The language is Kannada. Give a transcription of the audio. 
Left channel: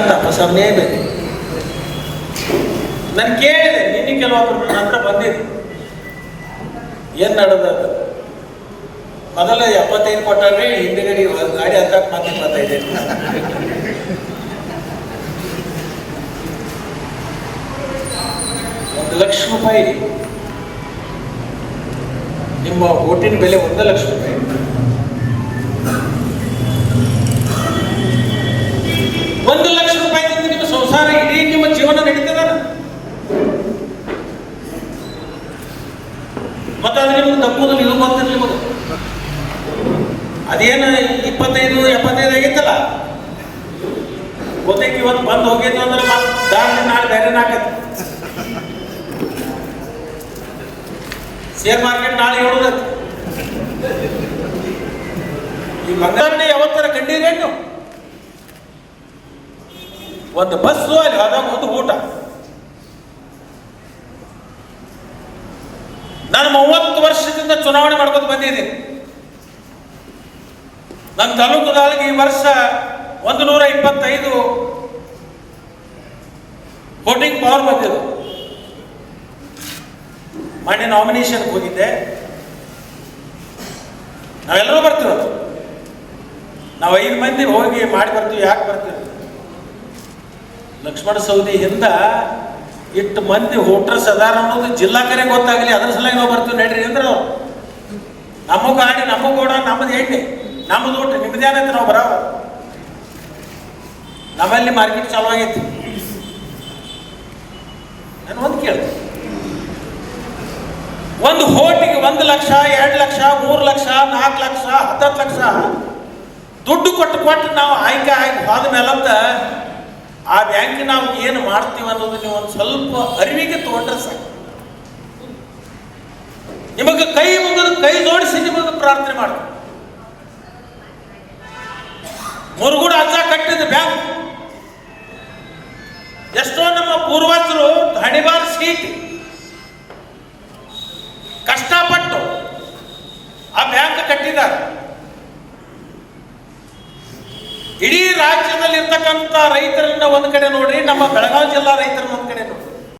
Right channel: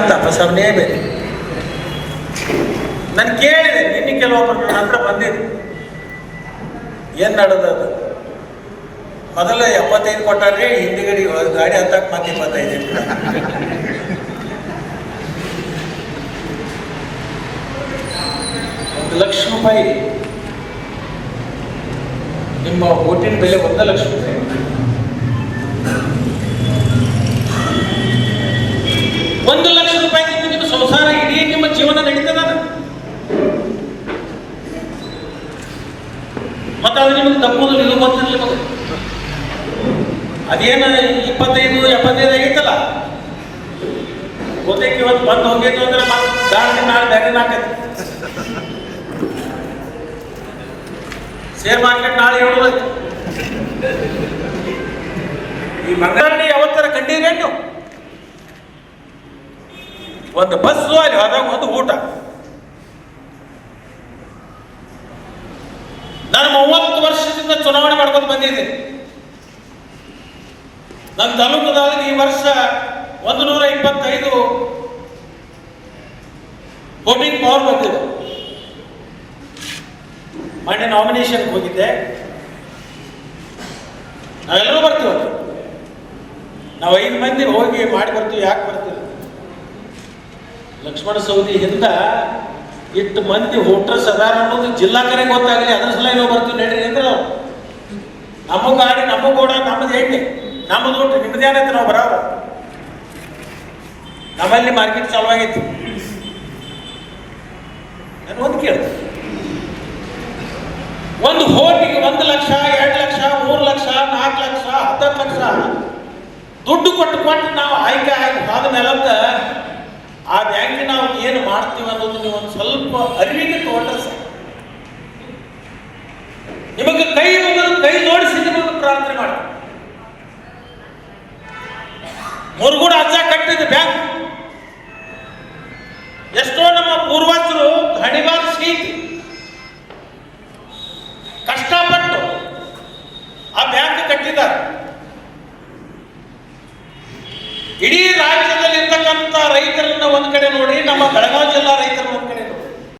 ಅಂತ ಪ್ರಸರಣೆ ಬೇರೆ ನಾನು ಕೇಳಿದೆ, ನಿನ್ನೆ ಕೆಲವೊಬ್ಬರು ನನ್ನ ಹತ್ರ ಬಂದಿದೆ ಏನು ನಡೆದದು ಮೊದಲ ಎಪ್ಪತ್ತೈದು ಕೊಟ್ಟಾರೆ ಹಿಂದುಗಡೆ ಗಾಡಿ ಹತ್ತಕ್ಕೆ ಮತ್ತೆ ಇಪ್ಪತ್ತೈದು ಒಂದು ಲಕ್ಷ ರೂಪಾಯಿ. ನಿಮ್ಮ ಓಟಿನ ಬೆಲೆ ಒಂದು ಲಕ್ಷ ರೂಪಾಯಿ. ಅದು ನಿಮಗೆ ತಪ್ಪುದಿಲ್ಲ ಇದು ಗೊತ್ತಿರಲಿ ನಿಮಗೆ ಅದೇನು ಇಪ್ಪತ್ತೈದು, ಎಪ್ಪತ್ತೈದು ಆಗೈತಲ್ಲ? ಗೊತ್ತೈತಿ ಇವತ್ತು ಬಂದು ಹೋಗೈತು ಅಂದ್ರೆ ದಾರಿ ನಾಳೆ ಬೇರೆ ನಾಕೈತಿ. ಶೇರ್ ಮಾರ್ಕೆಟ್ ನಾಳೆ ಹೇಳೋದೈತಿ ಈ ಮಂಗಳ ಯಾವತ್ತರ ಕಂಡಿರೇನು ಒಂದು ಬಸ್ಸು ಅಲ್ಲಿ ಹೋದಾಗ ಒಂದು ಊಟ. ನಾನು ವರ್ಷದಿಂದ ಚುನಾವಣೆ ಮಾಡ್ಕೊಂಡು ಬಂದಿದೆ. ನನ್ನ ತಾಲೂಕಿನಲ್ಲಿ ಈ ವರ್ಷ ಒಂದು ನೂರ ಇಪ್ಪತ್ತೈದು ವೋಟಿಂಗ್ ಪವರ್ ಬಂದಿದೆ. ಮೊನ್ನೆ ನಾಮಿನೇಷನ್ ಹೋಗಿದ್ದೆ. ನಾವೆಲ್ಲರೂ ಬರ್ತೀವಿ. ನಾವು ಐದು ಮಂದಿ ಹೋಗಿ ಮಾಡಿ ಬರ್ತೀವಿ, ಯಾಕೆ ಬರ್ತೀವಿ? ಲಕ್ಷ್ಮಣ ಸೌದಿಯಿಂದ ಇಟ್ಟು ಮಂದಿ ಹೋಟ್ರಸ್ ಅದಾರ ಅನ್ನೋದು ಜಿಲ್ಲಾ ಕರೆ ಗೊತ್ತಾಗಲಿ. ಅದ್ರ ಸಲುವಾಗಿ ನಾವು ಬರ್ತೀವಿ ನಡ್ರಿ ಅಂದ್ರೆ ನಾವು? ನಮ್ಮ ಗಾಡಿ, ನಮ್ಮ ಗೋಡ, ನಮ್ಮದು ಎಣ್ಣೆ ನಮ್ಮದು ಊಟ ನಿಮ್ಮದೇ ಏನೈತೆ ನಾವು ಬರೋರು ನಮ್ಮಲ್ಲಿ ಮಾರ್ಕೆಟ್ ಚಾಲು ಆಗೈತಿ. ನಾನು ಒಂದು ಕೇಳ ಒಂದು ಹೋಟಿಗೆ ಒಂದು ಲಕ್ಷ, ಎರಡು ಲಕ್ಷ, ಮೂರು ಲಕ್ಷ ನಾಲ್ಕು ಲಕ್ಷ ಹತ್ತತ್ತು ಲಕ್ಷ. ದುಡ್ಡು ಕೊಟ್ಟು ಕೊಟ್ಟು ನಾವು ಆಯ್ಕೆ ಆಯ್ಕೆ ಹೋದ ಮೇಲಂತ ಆ ಬ್ಯಾಂಕ್ ನಾವು ಏನು ಮಾಡ್ತೀವಿ ಅನ್ನೋದು ನೀವು ಒಂದು ಸ್ವಲ್ಪ ಅರಿವಿಗೆ ತಗೊಂಡ್ರೆ ಸಾಕು. ನಿಮಗೆ ಕೈ ಮುಗಿದು ಕೈ ಜೋಡಿಸಿ ನಿಮಗೆ ಪ್ರಾರ್ಥನೆ ಮಾಡಿ ಮುರುಗುಡ ಅಜ್ಜ ಕಟ್ಟಿದ ಬ್ಯಾಂಕ್. ಎಷ್ಟೋ ನಮ್ಮ ಪೂರ್ವಜರು ಹಣಿಬಾರ್ ಸೀಟ್ ಕಷ್ಟಪಟ್ಟು ಆ ಬ್ಯಾಂಕ್ ಕಟ್ಟಿದ್ದಾರೆ. ಇಡೀ ರೈತರನ್ನ ಒಂದ್ ಕಡೆ ನೋಡಿ ನಮ್ಮ ಬೆಳಗಾವಿ ಜಿಲ್ಲಾ ರೈತರನ್ನ ಒಂದ್ ಕಡೆ